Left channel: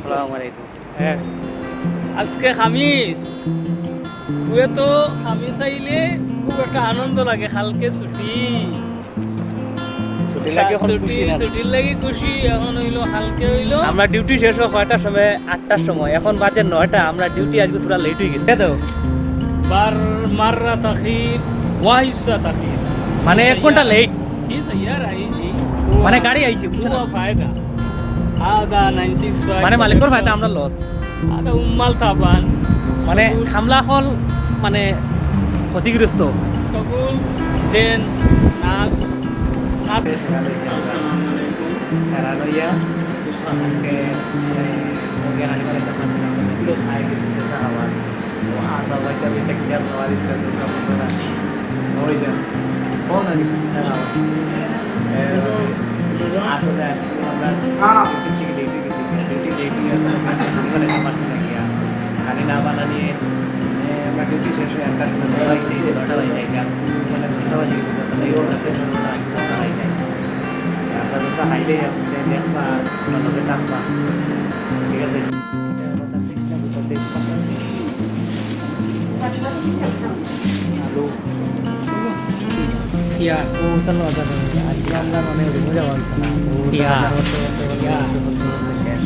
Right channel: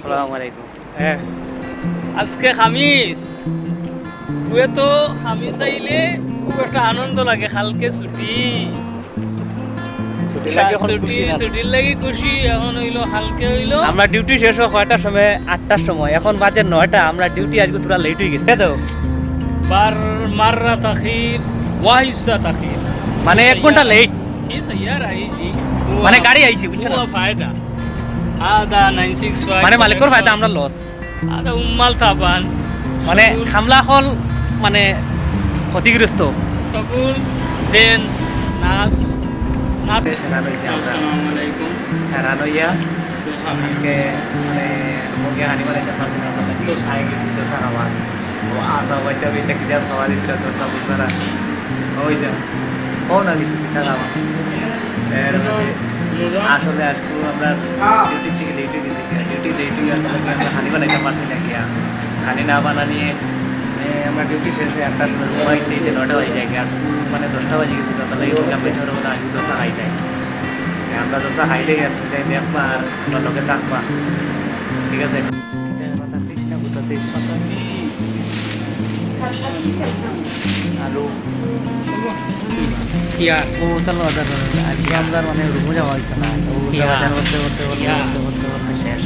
আলাইকুম। আসসালামু আলাইকুম। হ্যাঁ আজকে খামিস কুয়ে তো খামিস আইলে খুব একটা আনন্দ লাগে কালকে ছুটি ছুটি লাগে এখন ছুটি খুশি না। ছুটির লাগি খুশি এখন হইলো হালকে হইলো আমরা ডিউটি শেষ হয় কয়টার সময়? 8টার সময়। এখন বাজে 9টা। আমরা ডিউটি আজকে তোরা লেট হয়ে গেছে তো। বার মাররা তাখির ওয়াহিসা তাখির মানে 1 ঘন্টা লেট। ही सैयार आई जी মানে গাড়ি আইছে বুঝছো না? हुआ फायदा आधा 965 মানে মালিকর ফায়দা আমরা লস। আদা উম্মাল তাবান মানে হামলা হল মানে ক্ষতিগ্রস্ত। তখন দেন নাচ নাচ হেরান হইছি আমরা। আসসালামু আলাইকুম হেরান হইয়া দোসা আজকে মানে মুগে হানি বানাইতে পারছি না তবে দোষ আই গেছি তো খাবার ও আসা হইতে হইতে কি আর খাওয়া দিতে তো সব বুঝবারা ওই যা কোন আদি টাকা আমার আসলে আজকে আমরা ডিউটি থেকে ডিউটি দিতে গিয়া ডিউটি ডিউটি আসলে কি আমরা হানি বানাইতে পারছি না গিয়া হানি না বানানিয়ে আমরা ডিউটি শেষ হয়ে 1টার সময় মোবাইল থেকে 9টা হয়ে যায় গ্যাস মানে 10টা বাজে গেছি তো তাহলে এই আপনি ছোটোবেলা আগে দোসা খাই যায় আমরা দোসা খাইলেই আপনি যাই দেখবা আর আমার লোকে থাকবা ঠিক আছে আলু কিয়া ও চলো আজকে আমরা মানে রুমে যাওয়া হইতো না তো বাজার করতে করতে শেষ